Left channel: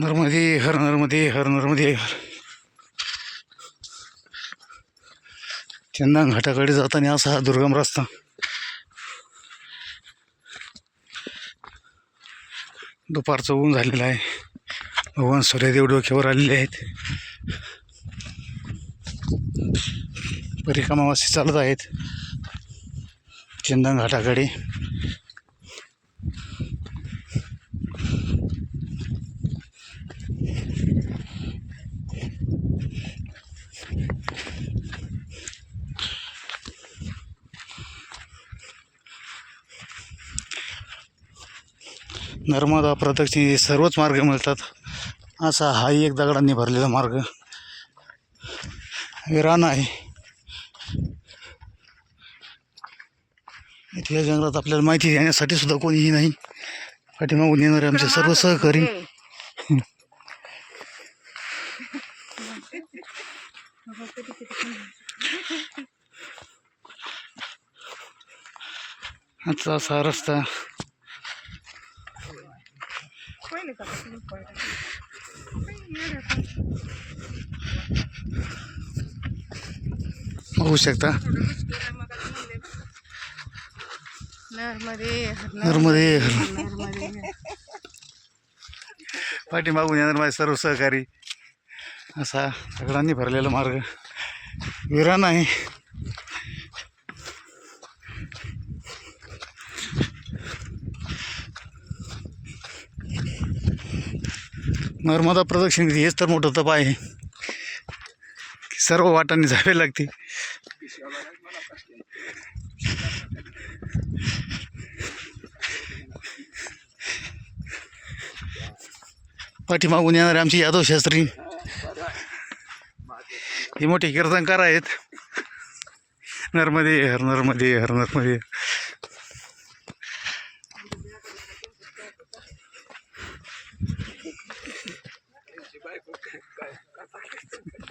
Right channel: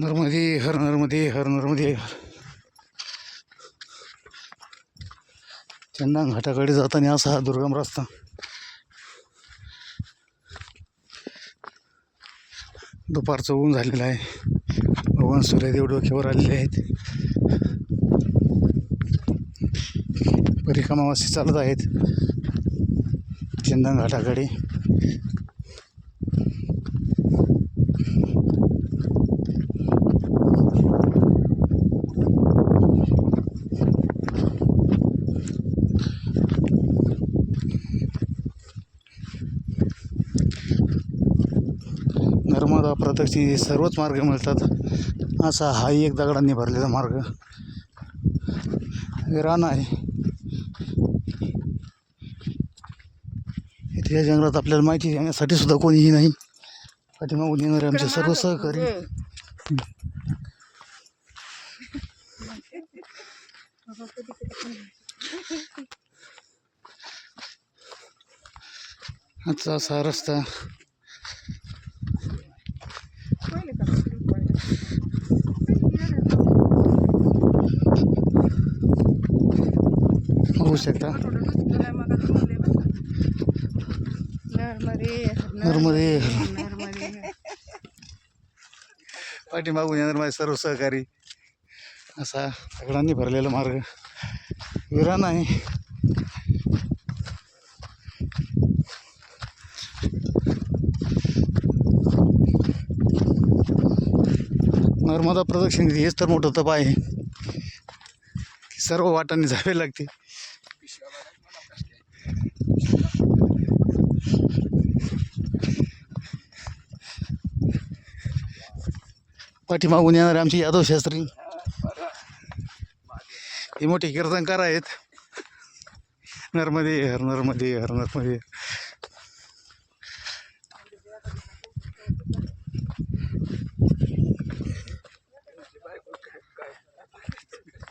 नर्मदे हर नर्मदे हर नर्मदे हर. चंदन घाटाकडे जाताना असा हा दुर्गम रस्ता. दुपारचं ऊन झालेलं आहे. भगवान सूर्यदेव डोक्यावर आलेले आहेत. परिक्रमावासी चालत आहेत चंदन घाटाकडे. नर्मदा प्रदक्षिणे सर्वच मार्ग मिळतात. असा हाही एक दगडांनी भरलेला मार्ग विरान आहे. या जंगलात आपल्याला माहिती देण्यासाठी सुद्धा कोणीही नाही. पाठीमागून येणारे आमचे सर्व सहकारी. आजचा असा रस्ता. होऊ शकता. नर्मदे पाठीमागून येणार माझे सर्व सहकारी. असा दगडांनी भरलेला मार्ग विरान आहे. नर्मदा प्रदक्षिणे हेच तर मोठं तप आहे की सर्व वाटांनी जावे लागते. पाठीमागून येणारे आमचे यादव शास्त्री हे मोठे कीर्तनकार आहेत. नर्मदे हर नर्मदे हर नर्मदे.